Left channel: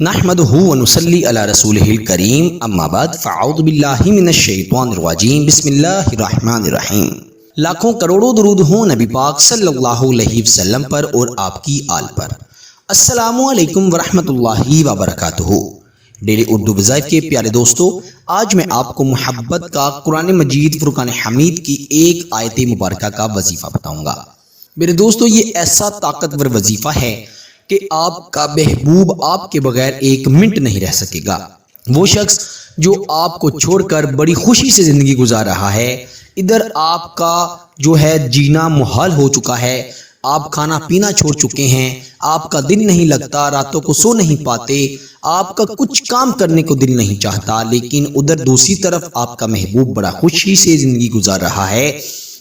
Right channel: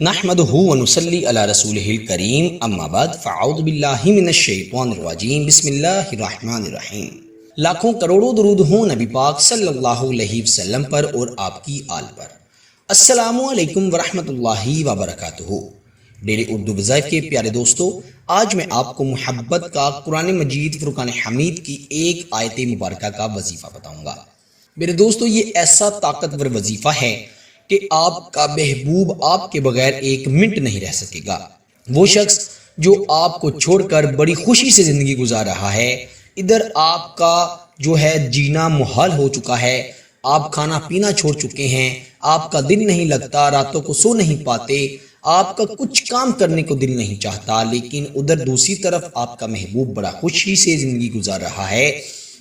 نحمدہ ونصلی علی رسولہ الکریم اما بعد فاعوذ باللہ من الشیطان الرجیم بسم اللہ الرحمن الرحیم۔ لاکھوں کروڑوں درود ہوں نبی پاک صلی اللہ علیہ وسلم پر اور آپ کی آل پر۔ السلام علیکم ورحمۃ اللہ وبرکاتہ۔ ڈیلی اردو وظائف کے پیارے دوستو، آج میں آپ کو محبت کا قرآن مجید فرقان حمید کی ایک آیت مبارکہ کا وظیفہ بتاؤں گا۔ میرے دوستو، یہ ایسا طاقتور وظیفہ ہے کہ آپ کا محبوب آپ کے بغیر ایک منٹ نہیں رہ سکے گا۔ وہ شخص جو آپ کو چھوڑ کر بڑی خوشی سے زندگی گزار رہا ہے، ادھر آپ کا جو ہے جینا محال ہو چکا ہے، آپ کھانا پینا چھوڑ چکے ہیں، آپ کا دل نہیں لگتا، راتوں کو سو نہیں پاتے، آپ کا کچھ کام کرنے کو دل نہیں چاہتا، لیکن ادھر دوسری طرف آپ کا محبوب بڑا خوشی سے زندگی گزار رہا ہے،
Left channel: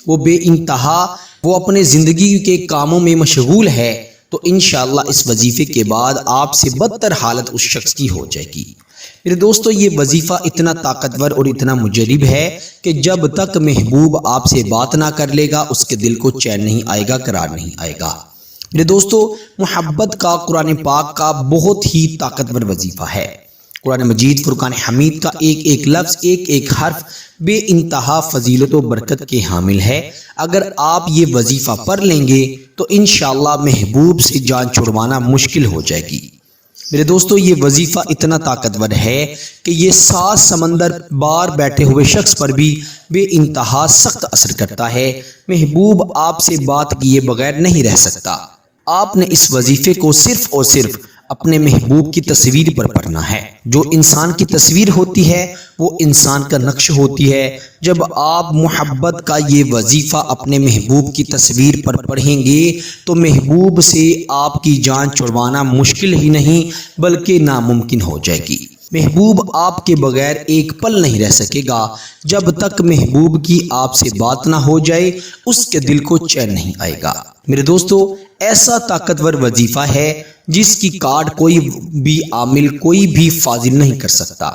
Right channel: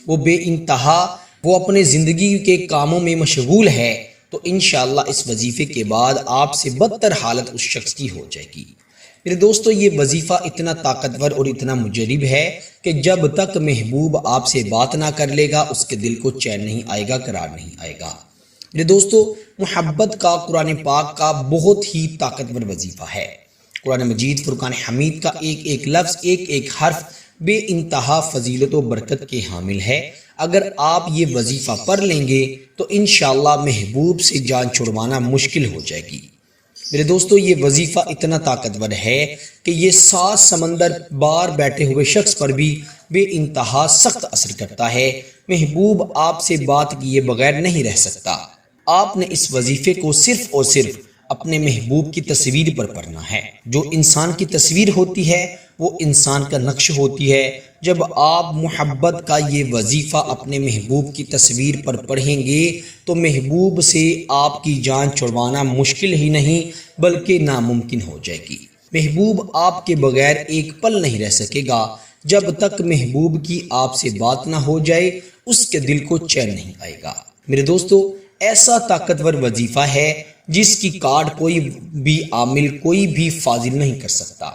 وہ بے انتہا وہ اپنے زندگی کے کاموں میں مشغول ہے، تو انشاءاللہ اس وظیفے کے بعد آپ سے بدتر حالت اس شخص کی ہو جائے گی۔ میرے دوستو، یہ وظیفہ اتنا طاقتور اور اتنا مجرب ہے کہ جب تک محبوب آپ سے بات نہ کر لے گا، اس کے دل کو چین نہیں آئے گا، قرار نہیں آئے گا۔ میرے دوستو، محبت کا قرآن پاک کا بہت ہی طاقتور وظیفہ ہے۔ قرآن مجید فرقان حمید کا ایک ایک لفظ، ایک ایک حرف بے انتہا فضیلت و برکت کے حامل ہے۔ اگر آپ یہ وظیفہ پڑھ لیں گے تو انشاءاللہ محبوب سے جان چھڑوانا مشکل ہو جائے گی۔ میرے دوستو، یہ وظیفہ اتنا طاقتور ہے کہ یہ 7 سمندر بار بیٹھے ہوئے شخص پر بھی بے انتہا سخت اثر کرتا ہے۔ محبوب آپ سے بات کیے بغیر نہیں رہ سکتا۔ آپ نے اس وظیفے کو صرف اور صرف اپنے محبوب کی تصویر پر پڑھنا ہے۔ جو انسان کی تصویر ہوتی ہے وہ انسان کا نقش ہوتی ہے۔ جب آپ محبت کا یہ وظیفہ اپنے محبوب کی تصویر پر پڑھیں گے تو محبوب سے آپ کی جان چھڑوانا مشکل ہی نہیں بلکہ ناممکن ہو جائے گی۔ محبوب آپ کے بغیر ایک پل نہیں رہ سکے گا۔ جب تک محبوب کی آپ سے بات نہ ہو جائے، اس کے دل کو چین نہیں آئے گا۔ میرے دوستو، ایسا طاقتور وظیفہ ہے جس کی کاٹ کوئی بھی عامل، کوئی بھی فاضل نہیں کر سکتا۔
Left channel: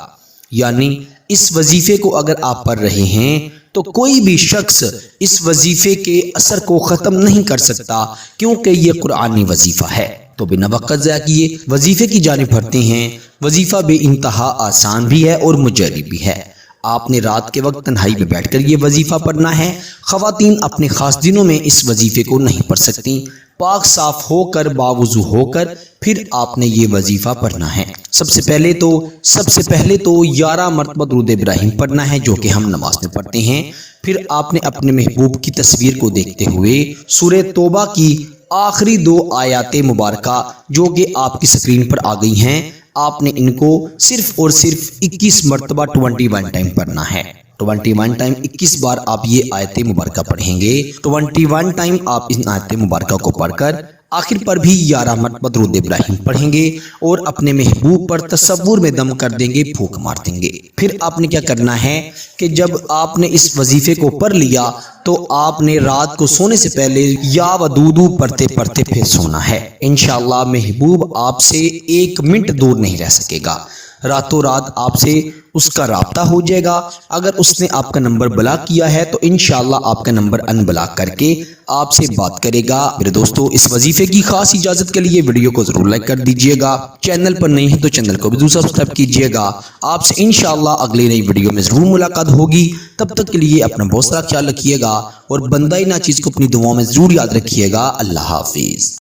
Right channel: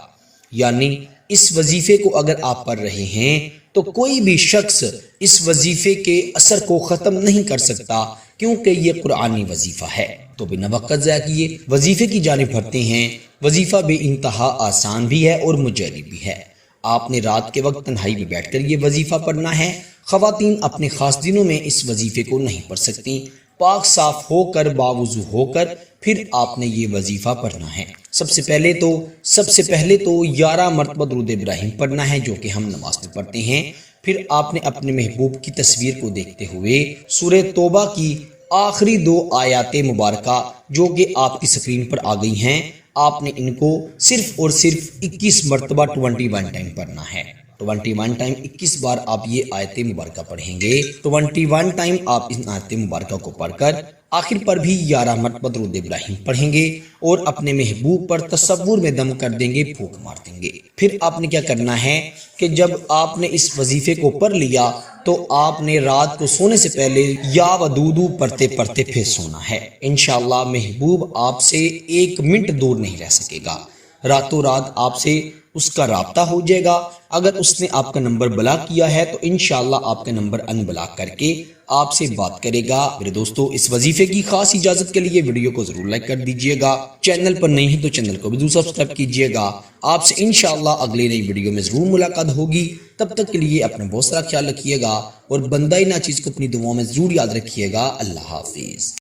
یعنی اس وظیفے کو اگر آپ پڑھ رہے ہیں تو کوئی بھی شخص اس وظیفے کے اثر کو ختم نہیں کر سکتا، کیونکہ یہ قرآنی وظیفہ ہے۔ تو بنا وقت ضائع کیے وظیفے کی جانب بڑھتے ہیں۔ وظیفہ بے انتہا آسان بھی ہے اور مجرب بھی ہے۔ آپ نے رات کے وقت تنہائی میں بیٹھ کر یہ وظیفہ پڑھنا ہے۔ خواتین اپنے خاص دنوں میں اس وظیفے کو نہیں پڑھ سکتی۔ پاک صاف ہو کر، باوضو ہو کر پھر آپ نے یہ وظیفہ پڑھنا ہے۔ سب سے پہلے تو 11 مرتبہ درود ابراہیم پڑھنا ہے، جو کہ ہم نماز میں پڑھتے ہیں۔ پھر آپ نے اپنے محبوب کی تصویر کو دیکھتے ہوئے سورہ توبہ کی آخری 2 آیات مبارکہ جو کہ آپ کی سکرین پر آ گئی ہیں، آپ نے ان کو صرف اور صرف 21 مرتبہ 21 ٹائم پڑھنا ہے۔ 21 ٹائم 21 بار آپ یہ آیت مبارکہ پڑھیں گے۔ 21 ٹائم آپ ان آیت مبارکہ کو پڑھ کر آخر پر بھی 11 مرتبہ درود ابراہیم پڑھیں گے اور اپنے محبوب پر تصور میں دم کر دیں گے، پھونک مار دیں گے۔ پھر آپ نے کیا کرنا ہے کہ جب آپ نے اس وظیفے کو پڑھ لیا تو آپ نے رات کو سونے سے پہلے یا ودودو پڑھتے پڑھتے پھر سونا ہے۔ انشاءاللہ محبوب آپ سے 1 منٹ دور نہیں رہ سکے گا۔ راتوں رات آپ سے اس کا رابطہ ہو جائے گا۔ اگر اس نے آپ کا نمبر بلاک کیا ہے تو انشاءاللہ آپ کا نمبر ان بلاک کر کے آپ سے بات کرے گا۔ میرے دوستو، اس وظیفے کی خاص اجازت کے لیے ویڈیو کو ضرور لائک کر دیجئے گا۔ چینل پر نہیں ہے تو چینل کو بھی ضرور سبسکرائب کیجئے گا۔ آپ سے انشاءاللہ اگلی نئی ویڈیو میں ضرور ملاقات ہوگی۔ تب تک کے لیے اپنا بہت سارا خیال رکھیے گا اور بندہ ناچیز کو اپنی دعاؤں میں ضرور یاد رکھیے گا۔ اللہ حافظ۔